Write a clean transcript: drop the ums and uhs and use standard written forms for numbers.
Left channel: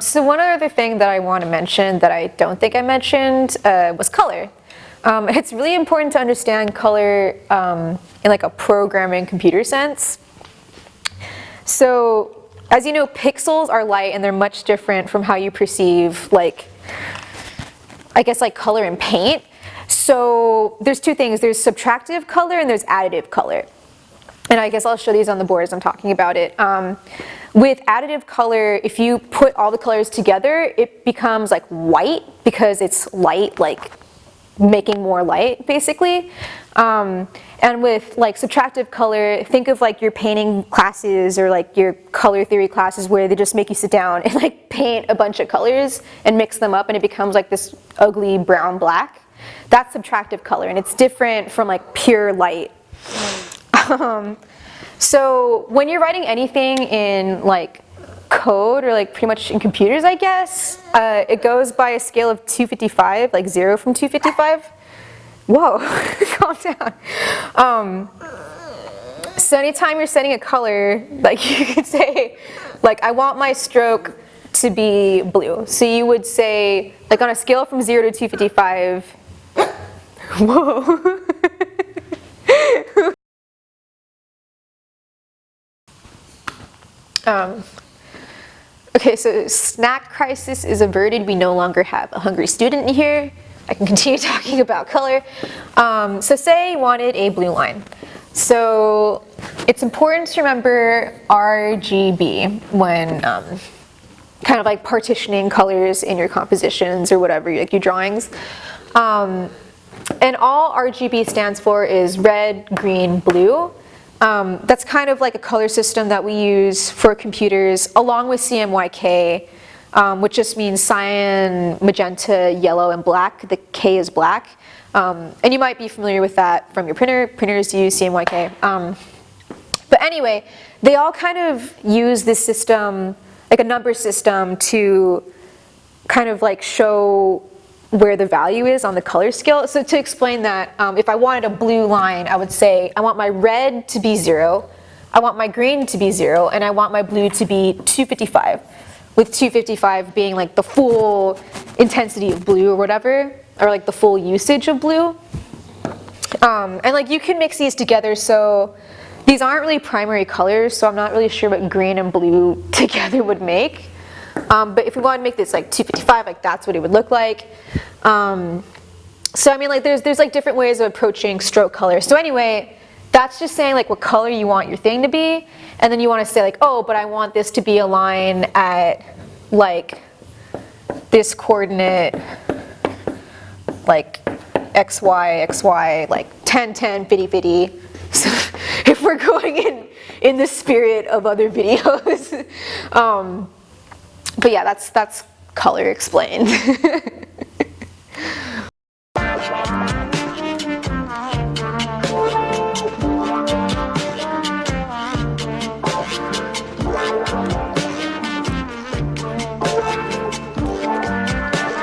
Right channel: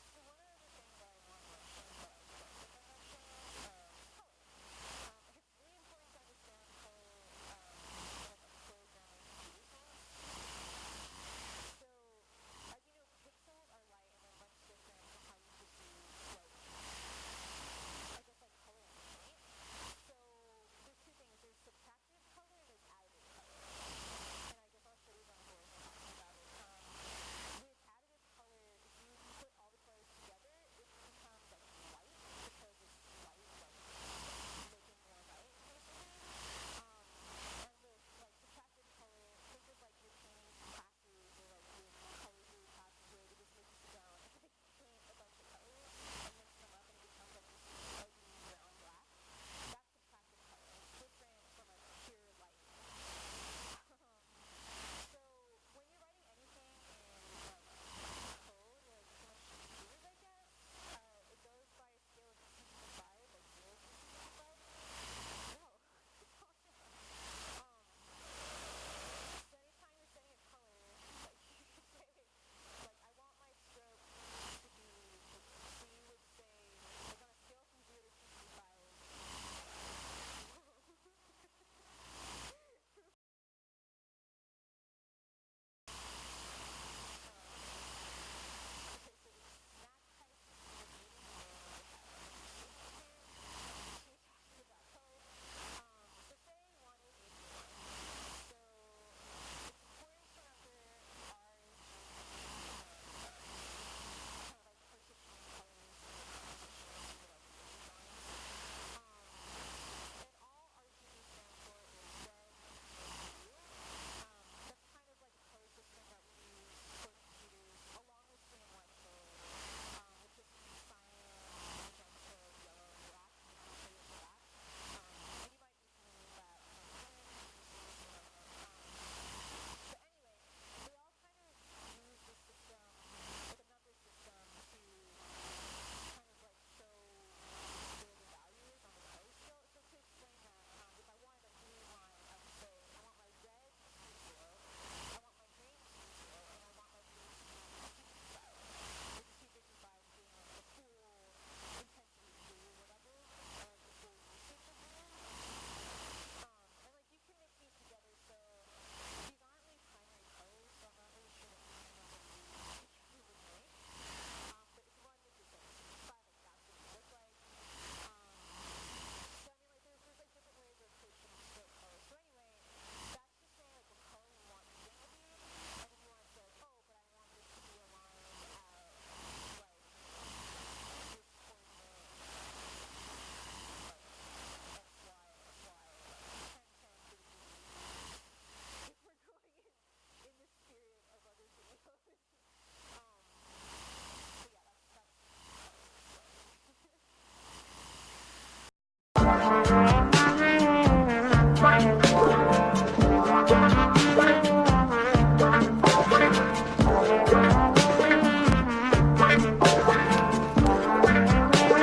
So one other thing that I want to mention that I don't think I mentioned was color. It's really important to understand color in like a programming computer sense. So as you know, pixels are light and they're much different from how you perceive like, I guess like color in paint. So there's two things, there's subtractive color and there's additive color. And I guess I'll show these on the board as I'm talking about it. With additive color, if you put all the colors together, it becomes like white because it's light, like making more light basically. And with like subtractive color, think of like your painting classes or like your color theory classes where they just make you sit down and like paint a bunch of colors and mix them up and it becomes like this ugly brown black. That's subtractive color and it's different from like pure light. So when you're writing anything in like code or like pretty much in computers, I guess, it goes by a scale of 255, like 0 from 255. Whoa, calm down. So anytime you're setting a color, like you could say, like I want my stroke to be blue. So you would say, like on a scale from 0 to 255, whoa. Okay, so snack crisis is averted. We no longer have a hungry student in here. I can continue talking about color. So say you wanted a blue line. So it's important to remember RGB when kind of like partitioning colors in your compositions or whatever, like your drawings. And all RGB stands for is red, green, blue. That's kind of like a color system that we use for computers along with CMYK, which just means cyan, magenta, yellow, and black. The K is black. And you might be familiar with that from your printer. Printers use CMYK. But anyway, they all kind of use this system, like a number system, to kind of like show where the value is on the color scale. So to explain that, if I wanted a blue line, I would say I want my red to be 0, I want my green to be 0, and I want my blue to be 255, with 255 being like the full intensity of blue or whatever, or like the full usage of blue. And like you can mix these together, so these aren't really primary colors, so I'm not really sure what green and blue together would make. But if we want to make this like 255, like that's what it would look like. So I mean, like there's like different ways of approaching stroke color. So anyway, that's just saying like what color you want your thing to be, and then you want to say like, oh, but I want this to be a line at like this coordinate, like xy, like 10, 10, 50, 50. So if we're going in the spirit of other videos. But yeah, that's color explained.